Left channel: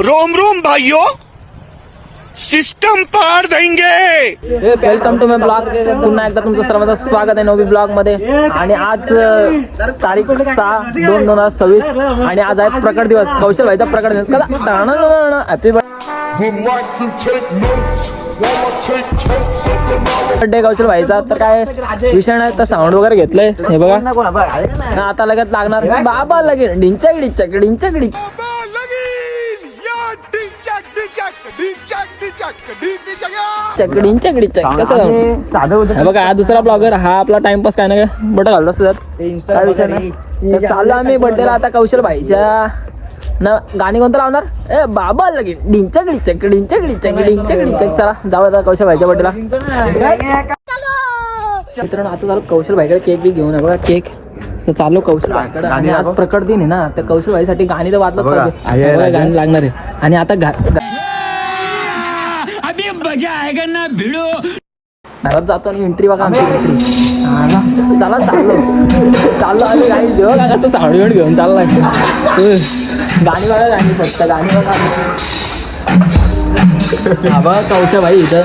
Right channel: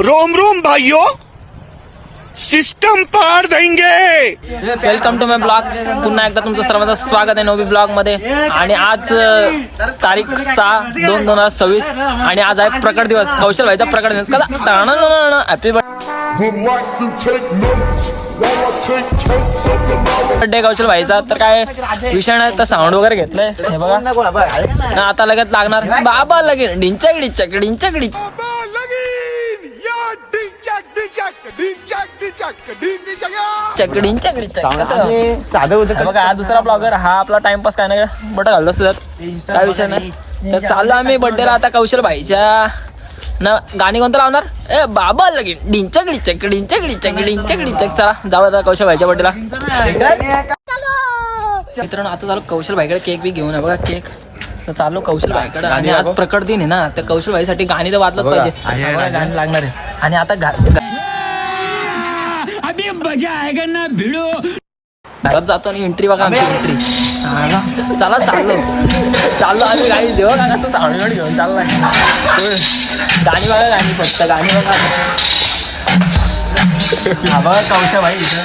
Rome Rome भाइयों, system पार देंगे। Welcome to my blog. पुन्हा एकदा तुमचं सर्वांचं स्वागत आहे नवी ब्लॉग मध्ये। आणि आज तारीख 6/2/2026 आणि आज आहे प्रकट दिवस, कौशल भाईचा प्रकट दिवस। कसा हॅपी बर्थडे कौशल भाईचा। तर काय विषय नाही, तर साऊंड वगैरे घेतलंय हे बघा। आता लगेच लागणार बाबा लगेच डिंचक डिंचक डिंचक डिंचक चकडीन चकडी चक कसं बघा। हा दुसरा ब्लॉगर, हा आपला टाइमपास काय ना काय बट घालत असतात, काय विषय नाही। तर चाललो आम्ही बर्थडेला आता कौशल भाईच्या ना। गाणी कोणतं लावणार? ए बाबा लगीन डिंचक डिंचक डिंचक डिंचक डिंचक डिंचक। चला जाऊ आता कौशल भाईच्या बर्थडेला। मित्रांनो आता चालू कौशल भाईकडे केक बी घेऊन आहे बघा, केक तर चालू कौशल भाईकडे। आणि आज प्रकट दिन आहे ना, तर कौशल भाईसाठी गाणी तर वाजलंच पाहिजे, गाणी लागणार आहे। आणि आता अभी मजा आएगा ना भिडो। घरात जातो आणि एंट्री बघा आमची एंट्री। चला चाललो आम्ही गाणी जेव्हा का कसं साऊंड घेऊन चाललाय। गाणी बघा, गाणी फक्त गाणी बघा। बघा कौशल भाई इथं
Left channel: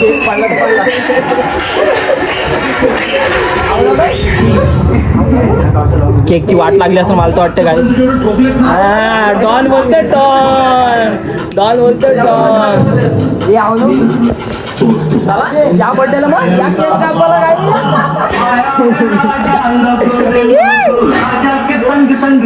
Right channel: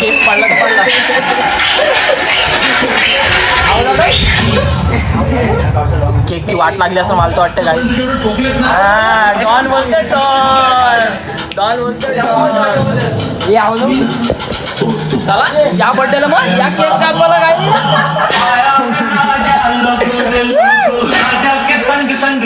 केक पडला तर पडला। केकची वाट लागली असं मला तर वाटतं गाडी। डॉन बोलते डॉन बोलते डॉन। चला या बर्थडेला मग या केक कापायला गाडी। संग संग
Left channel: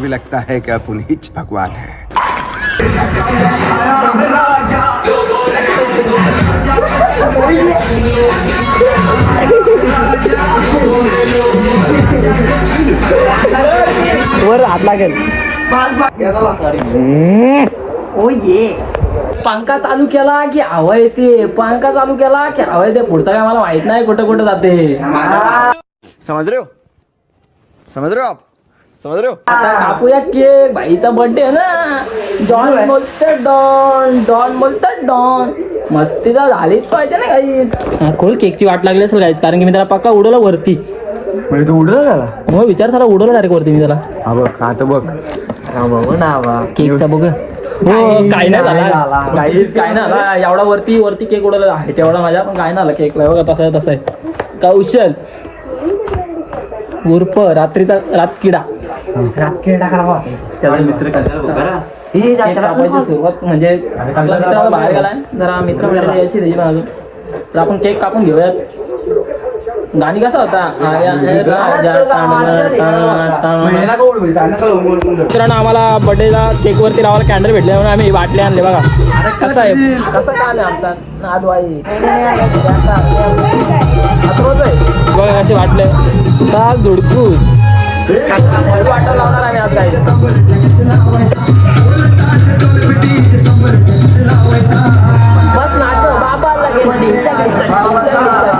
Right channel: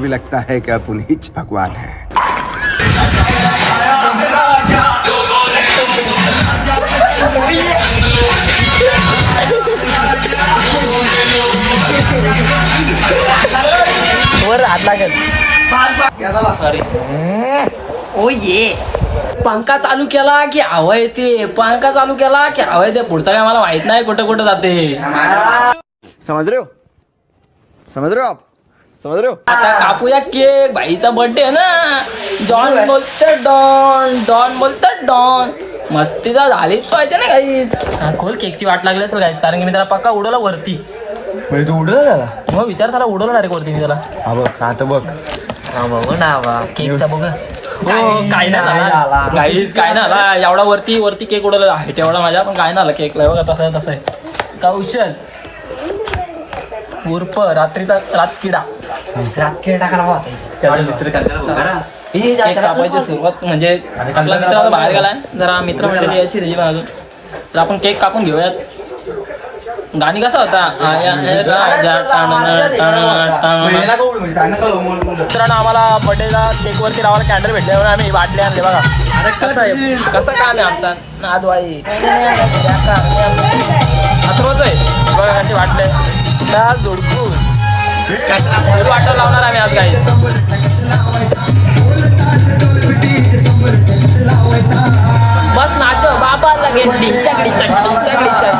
भी लगता है कि आप उन्हीं भगवान है। वर हात लागेल। ओ ये पंखा चालू केला की हवा येते, पंखा चालू केला की हवा येते। पुढचा काय मला माहित नाही कुठं कुठं जाते। समझ रहे हो, समझ रहे हो आप, समझ रहे हो। आता कापूया केक, भाईचा बर्थडे आहे ना। जॉन बोलते डॉन, डॉन बोलते डॉन। मस्ती तर झालीच पाहिजे ना गाईज। हा खोल, केकची वाट लागली असेल गाईज, कारण की मी त्याला पक्का उडवला वरती। म्हणजे तू उडवलं त्याला? हो विचार, त्याला उडवलं डायरेक्ट वरती मी त्याला। हा बघ, आता बघ केकचा बघ। हो काय नाही झाला गाईज, काय नाही झाला। एवढा वरती केक उडवला आहे तेवढा माझ्या, पण काय नाही झाला केकला बघा। तसा आहे कौशल उर्फ रात्रीचा रातकिडा। कापायची सुरुवात म्हणजे आपला मित्र बाहेर गेलाय, जरा मित्र भेटायला यायची त्याची अजून। तर आपण केक कापून घेऊयात। गाणी कसा होता? मित्रांनो आम्हाला बर्थडेला केक वरती लावायला कॅन्डल भेटले म्हणून आम्ही वाटले आणले बघा। कसा आहे, कसं काय नाही आमचा नादवाई अथरोच आहे बघा, असे वाटले दाल धुडकूस वाटर लावणार आम्ही आज काही। बस नाचो बाबा लगे डिंचक डिंचक डिंचक डिंचक।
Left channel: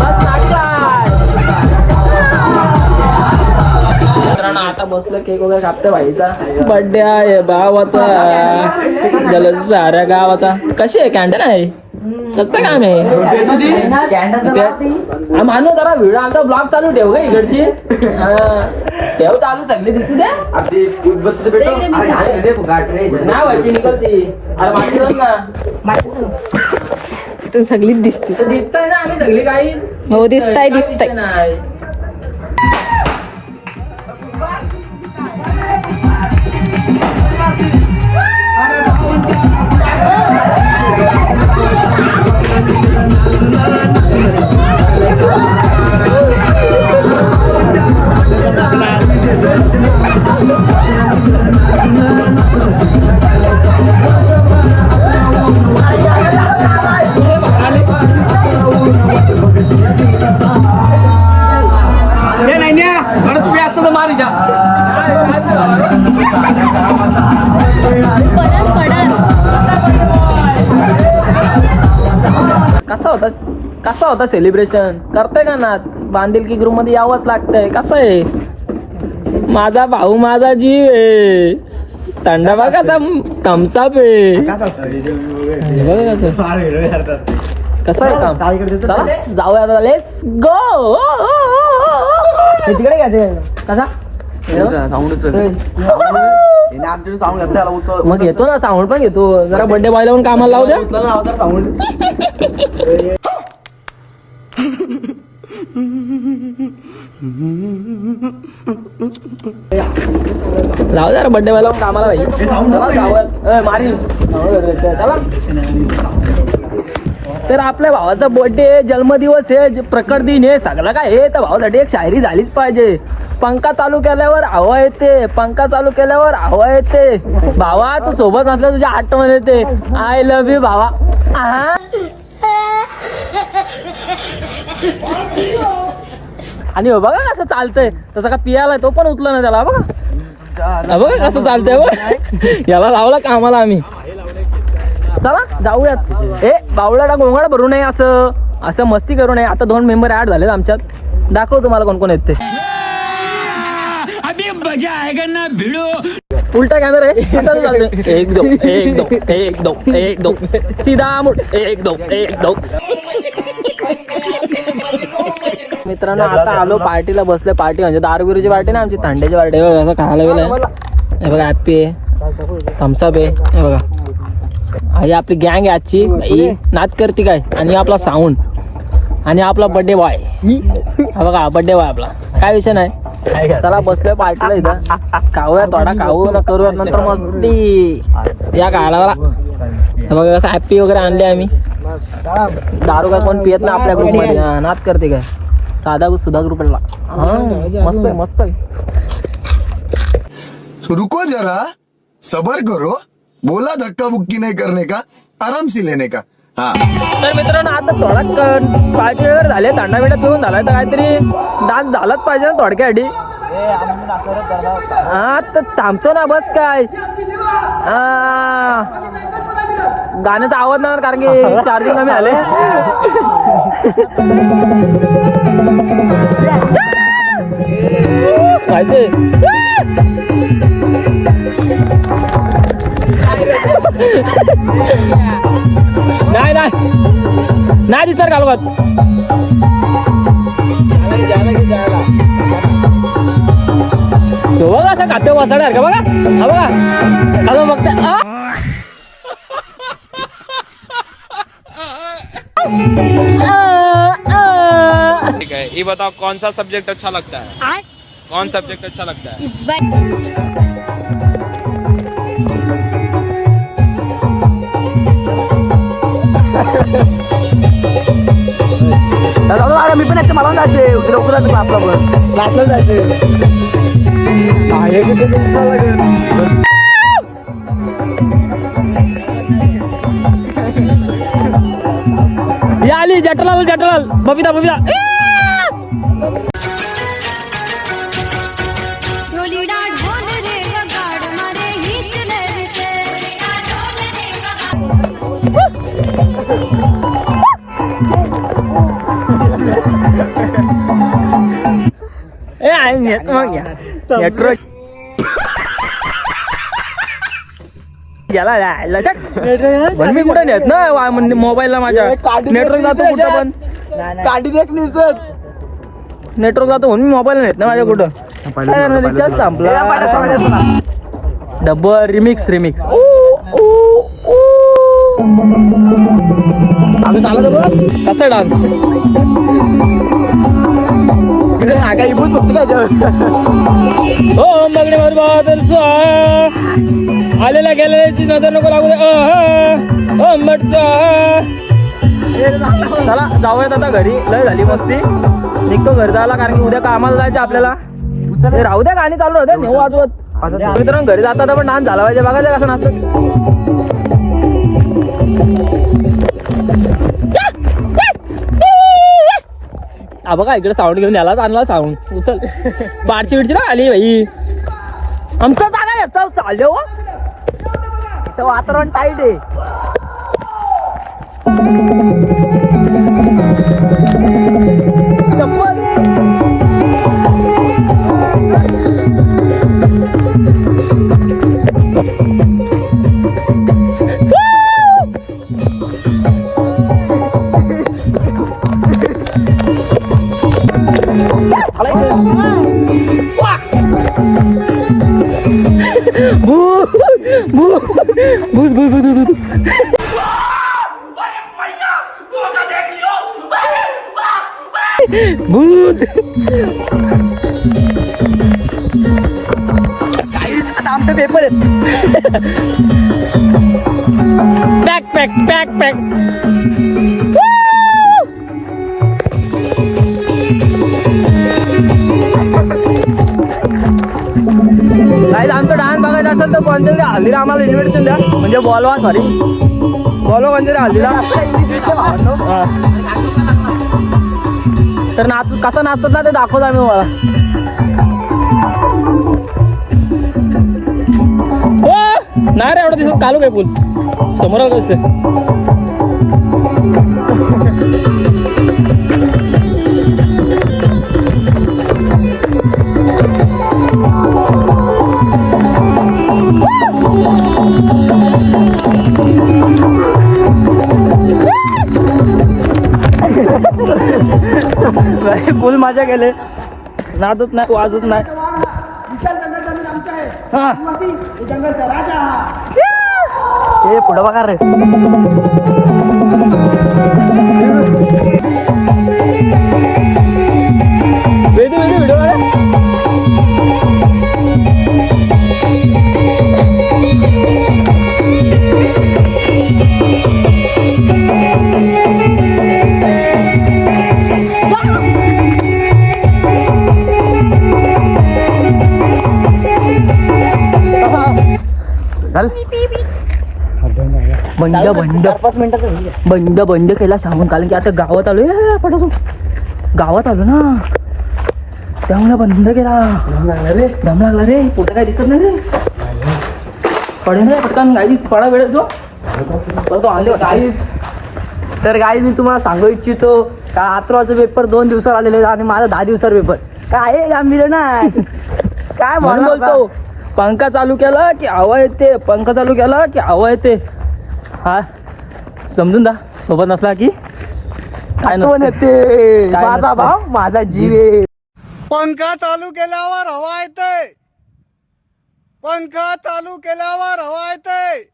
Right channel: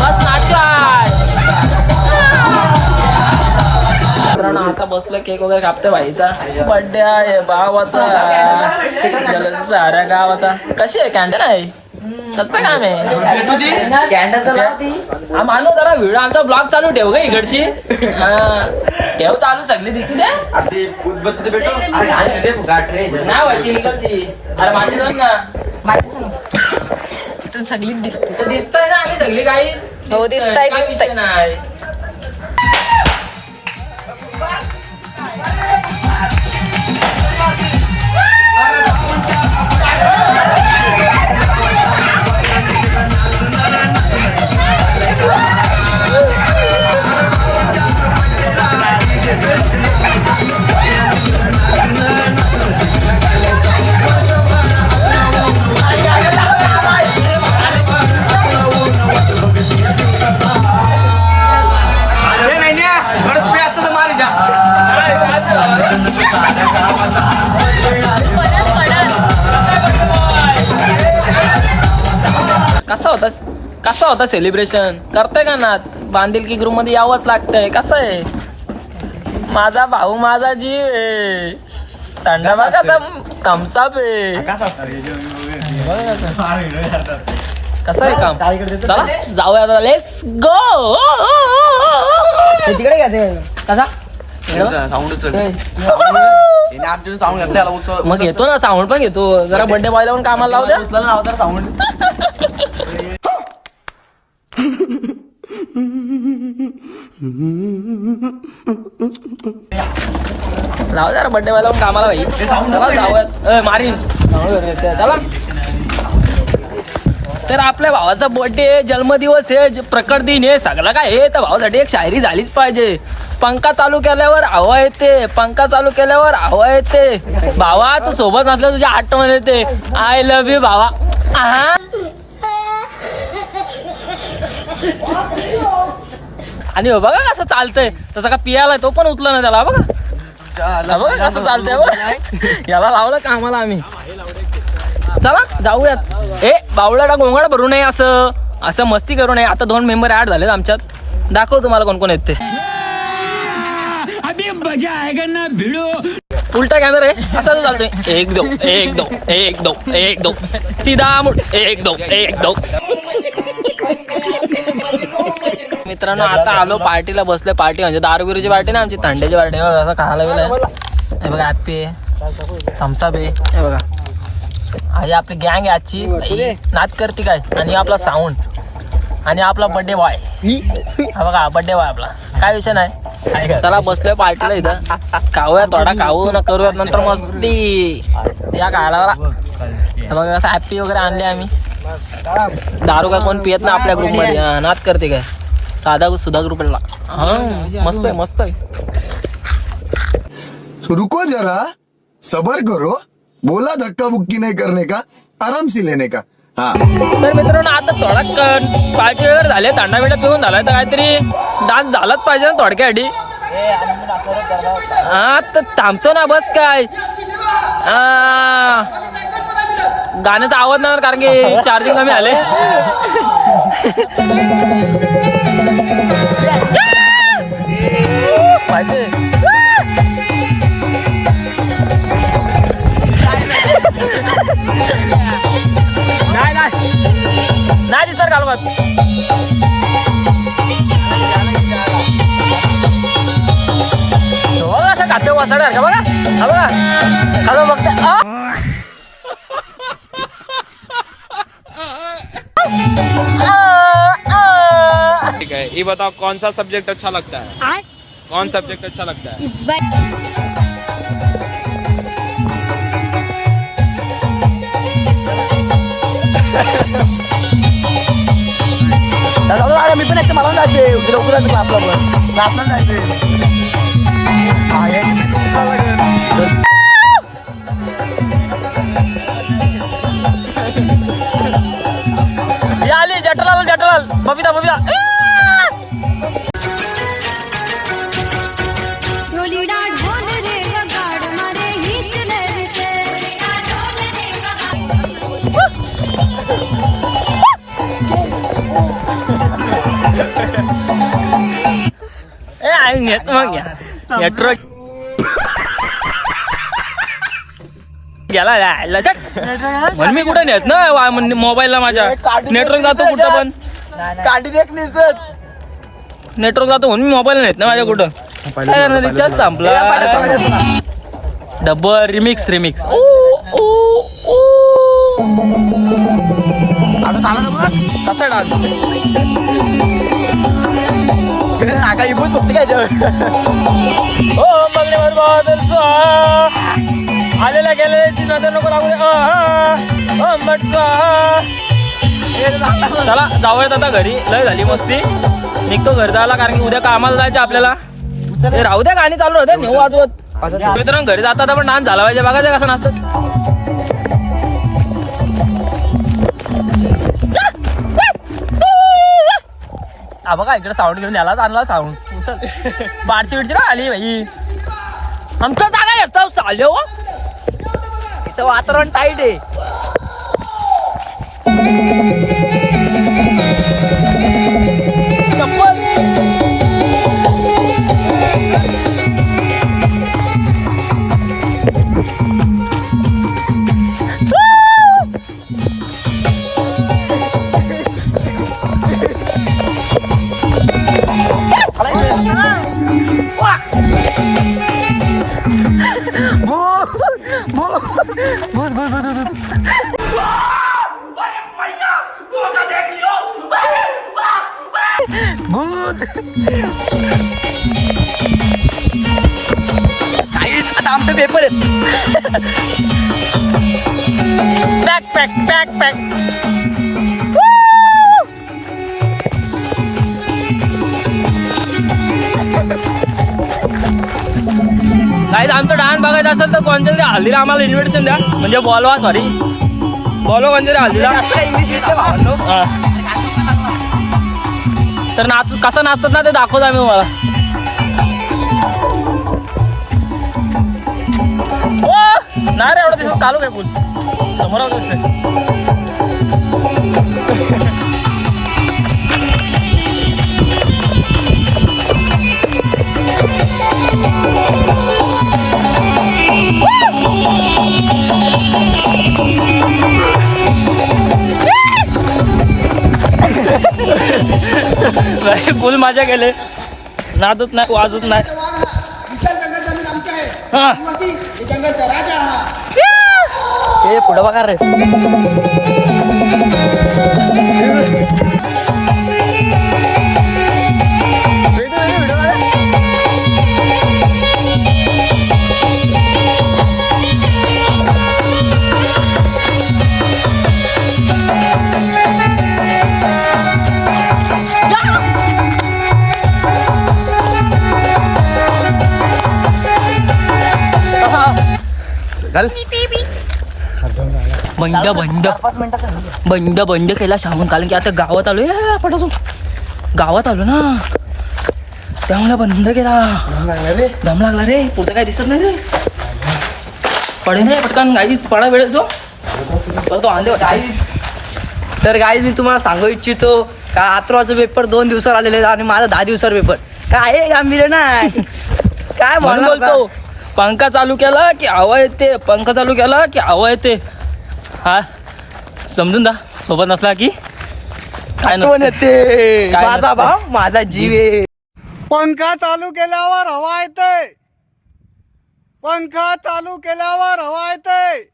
बस नाचो। मित्रांनो आता बसलो, केक वगैरे कापतोय भाईचा। बर्थडे आहे भावाचा, जल साऱ्या गावाचा। कशी आहे कॅन्डल आहे? कसं काम आहे? मानू जरा व्हिडिओ आमचा ब्लॉग चालू ठेव का इकडची। ठेव चालू, सगळी दिसू दे नाही व्हायची निकलती। अरे माझी दोन ना सगळीच दिसते, दिसताय ना आम्ही सगळी काही। हो दिसताय दिसताय नाही। कसा होता सेलिब्रेशन करताय का ना? बांधिलकी ग्रुप मध्ये यावंच लागतंय. कसं आहे माझा भाऊ माझा जीव आहे. थंडाबा कसा थम्सअप आहे. बघा कसं आहे काम. चला जाऊया आता. Let's go. तिकडे घ्यायचं कसा मग घेतो ना साऊंड पण घेतो. जरा बर्थडे बॉयला पण कामाला लावू द्या. लाव जरा बर्थडे बॉयला पण कामाला भाई. मारीन चला. तर आपल्या भावाचा बर्थडे जन्मदिवस आहे प्रकट दिन आहे सगळं काय आहे. तर भावासाठी एक शायरी झालीच पाहिजे. पंखा चालू केल्यावर हवा येते. पंखा चालू केल्यावर हवा येते. भावा तू सोबत नसल्या तुझ्या आठवण येते. आय लव्ह यू भावा. आणि हो बघा कसं चालतंय. तसं का पियाला तो पण उचला ना त्याला. बघा बघा कसं चालतंय. बघा याला लावला कामाला आम्ही. चला जाऊयात. बावळाला गोंगाड भरू नये असं असं मस्ती करू नये. आता 2 मेंबर ऍड झालेत आमच्यात. दाखव तुम्हाला कोण कोण येत ते. अभी मजा आएगा ना भिडो. उलटा कॅमेरा आहे असं चालतोय. 1 2 1 2 1 2 1 2 सीधा मुड 1 2 1 2. मित्रांनो आता आलो पार्टीला बसले. पार्टी म्हणजे दारूगिरीची पार्टी ना आमची. थंड्याची पार्टी असं खायला गेलंय. हे बघा हॅप्पी आहे. थम्सअप आहे. हे बघा आणि आपली गँग आहे आजची. नाच करते काय. आणि आपला साऊंड आणि आपला बर्थडे बॉय. हा बघा बर्थडे बॉय आपला. काय विषय नाही. चला बसलोय पार्टीला इथं. खाऊया थोडा खाऊ ना करूया नंतर मस्ती. या खायला बघा कसं हॅप्पी वगैरे आणले आम्ही. दारू काय कोण पियत ना आपल्या ग्रुपमध्ये. नाच करते काय साधा सुधा ग्रुपला. मस्त आहे मस्त आहे. रुको जरा सबर करो. बोला धक्का बुक्की नहीं करने का आराम से लेने का. तर मित्रांनो आता थोडा पार्टी वगैरे झाले. थंडा बिंडा पिऊन झालाय तर काहीतरी डान्स झालाच पाहिजे ना थोडक्यासाठी. हा तर थांबतो ना बस काय. गाण्याचा आवाज नाही कारण की चार्जिंग कमी आले. पाहिजे काय नाही दिसणार घालवत. बघा असं खाते वसाड्यार का. बघा हा बघा आता बघते. ठीक है ये बताओ कौन सा सब्जेक्ट अच्छा लगता है. कौन सब्जेक्ट अच्छा लगता है. मी पण मला जायचंय लवकरच क्लासला पण. क्लासला जायचंय. आली जटलाल जटलाल बबिता बबिता. नेट मग नेटवर्क गेला. मी कुठे नेत ना मोबाईलला माझ्या. नेटवर्क जातो कुठं पण. कांडी देख निसत नेटवर्क जातो म्हणून मी मोबाईल नेत ना माझ्या कुठं. रिचार्ज संपला. Double remix remix. कसा डान्स आगा इबूत बघते काय. ओ मगणे बादल आलेला गेलेल्याची नजर नको लागू दे. चला जाऊयात आता घरी. लय झाली मस्ती. निघतो घरी जायला कारण की उद्या कामाला जायचं आपल्याला. राहू द्या गाणी चालू राहते नेऊ वाजवत. मित्रांनो घरी जातात पण डान्स झाला पाहिजे. बघायचं कसं नसतं. बघा इकडे साऊंड घेऊन याला आणला साऊंड. उचल बारची बिडची ना आली भाई. आमच्या जागा येतो चालले हो. इथं वातावरण टाईट आहे. भूत भूत भूत भूत भूत भूत गाईज आता आमचे पेपर आहेत. पॅक पॅक पॅक पॅक काही आमचं डान्स बघायचं असेल तर कोणत्या तरी हल्दीला आम्हाला इन्व्हिटेशन द्या. म्हणजे बोलवा सॉरी बोलवा कोणत्या तरी हल्दीला. हा. तर नाच कसं नाचतात ना ते दाखवतो आम्ही तुम्हाला. हो नाही रे एवढं दिसत कालू काय पूल समोर दिसते. फुल मजा केले नाचत नाही वाजत नाही. हा हे पुढं बघा रे. बंद बंद 5 मिनिटात बंद बंद केला सांगून कारण की आता गावात आलो पटासून गावात आलो ना त्यामुळे बंद केला. दम लागला रे पुढचं काय दिसत नाही रे. पडेल रे पटकन गाई पडा वेळ जो तो आंधे. तर गाईज मी तुम्हाला सांगू इच्छितो का आत्रोचा पेपर 2 दिवसावर आलेले आणि माझा 10 दिवसावर पेपर काय गांभीर्य नाही. काय म्हणून बोलतो पंखा चालू केला की हवा येते पंखा चालू केला की हवा येते. हा समजून दा सोबत नसला की काय येते काय माझा नसतं. भाव माझा जीव आहे. पंखा चालू केल्यावर हवा येते. पंखा चालू केल्यावर हवा येते.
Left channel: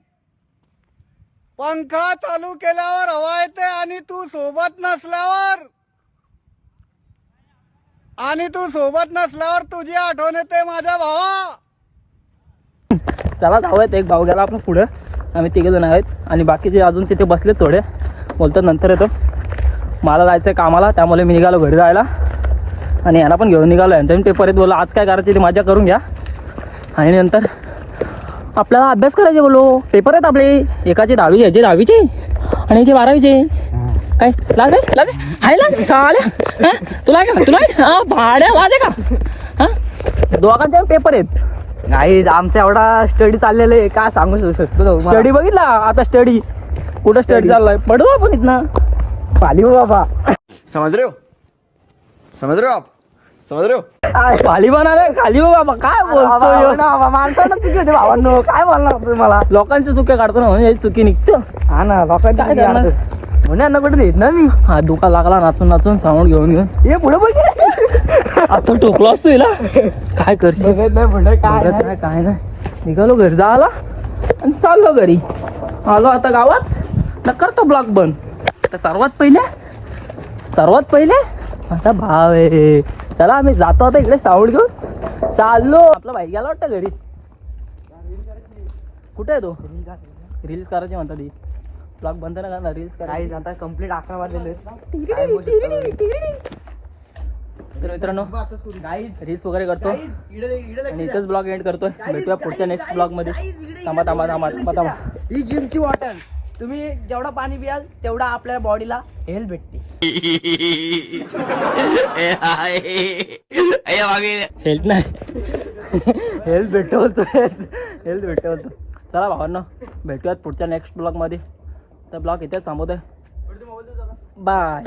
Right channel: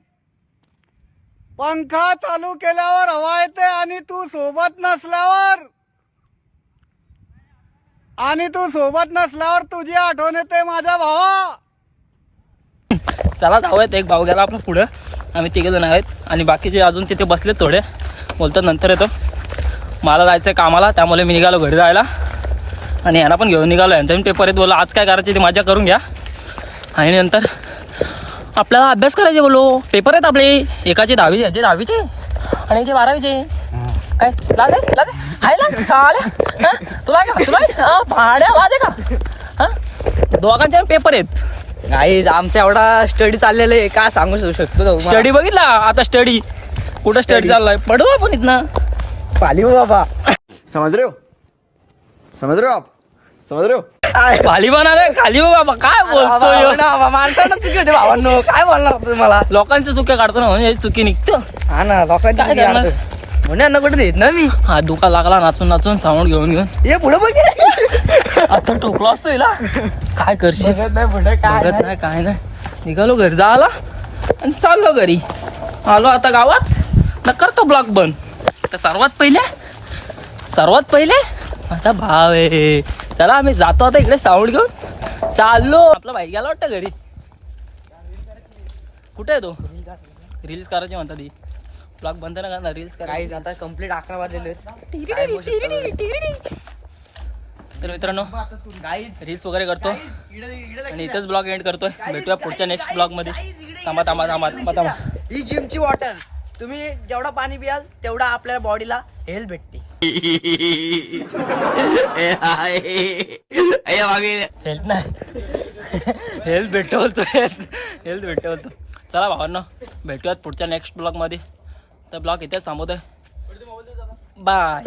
पंखा चालू केल्यावर हवा येते आणि तू सोबत नसल्यावर तुझी आठवण येते माझ्या भावा. चला धावत एक भाऊ गेला आपलं पुढं आम्ही 3 जण आहेत आणि बाकीचे अजून तिथे बसले थोडे बोलतात नंतर येतो. मला जायचं आहे कामाला त्यामुळे मी निघालो घरी जायला आणि यांना पण घेऊन निघालो. यांचा पण पेपर आहेत बोला आज काय करायचे ते मजा करून घ्या आणि नंतर आपल्याला अभ्यास करायचे बोलो. पेपर आहेत आपले एकाचे 10वी घ्यायचे 10वीचे आणि याचे 12वीचे. काय लाज आहे लाज साड्या तुला हा भाड्या लाज आहे का. हां दोघांचे पेपर आहेत. गाईज आमचा एवढा स्टडी चाललेला आहे काय सांगू शकतो. स्टडी बघितला आता स्टडी कुठं स्टडी चाललाय पडू आपण इथनं पाली हो बाबा. समझ रहे हो आप समझ रहे हो. खाली बनणार खाली हो बाबा काय बोलतोय. माणसानं चुकी होते भावांनो काय बोलणार तुम्हाला. लोकांच्या चुक्या काढतो ना म्हणजे चुकी निघतं. हा ना लोकांची काय चुकी करणार? काढतो. म्हणून यांना कुठे देत ना मी. हा दुका लागला नाचून नाचून साऊंड घेऊन हे पुढे बघ आता टोकलो असतो हिला काय करशील बघत नाही काय नाही. निघालो घरी जायला आणि चाललो घरी आलो आता गावात न करतो ब्लॉक बंद. तर सर्वात पहिले माझा भाव आहे. चला आम्ही जातो आता इकडे साऊंड घेऊन चाललो. आपला भाई गेला वाटतं घरी कुठे आहे तो. रील्स करायची म्हणतात ती ब्लॉग बंद ना करणार रील्स गाईज आता कंप्लीट 11 वाजलेले. तर मित्रांनो रील्स वगैरे करतो आणि इथेच ब्लॉग एंड करतोय. भेटूया पुढच्या नेक्स्ट ब्लॉग मध्ये. थांबा ही जिमची बॉटल तुम्ही जेवढा पाणी पियाल तेवढा आपल्या बॉडीला हेल्थ भेटते. हेल्थ नाही हेल्थ भेटतो बोलतो हेल्थ भेटतो बोलतो. चला भावांनो भेटूयात पुढच्या नेक्स्ट ब्लॉग मध्ये. तर ब्लॉग इथेच थांबवतोय. बाय.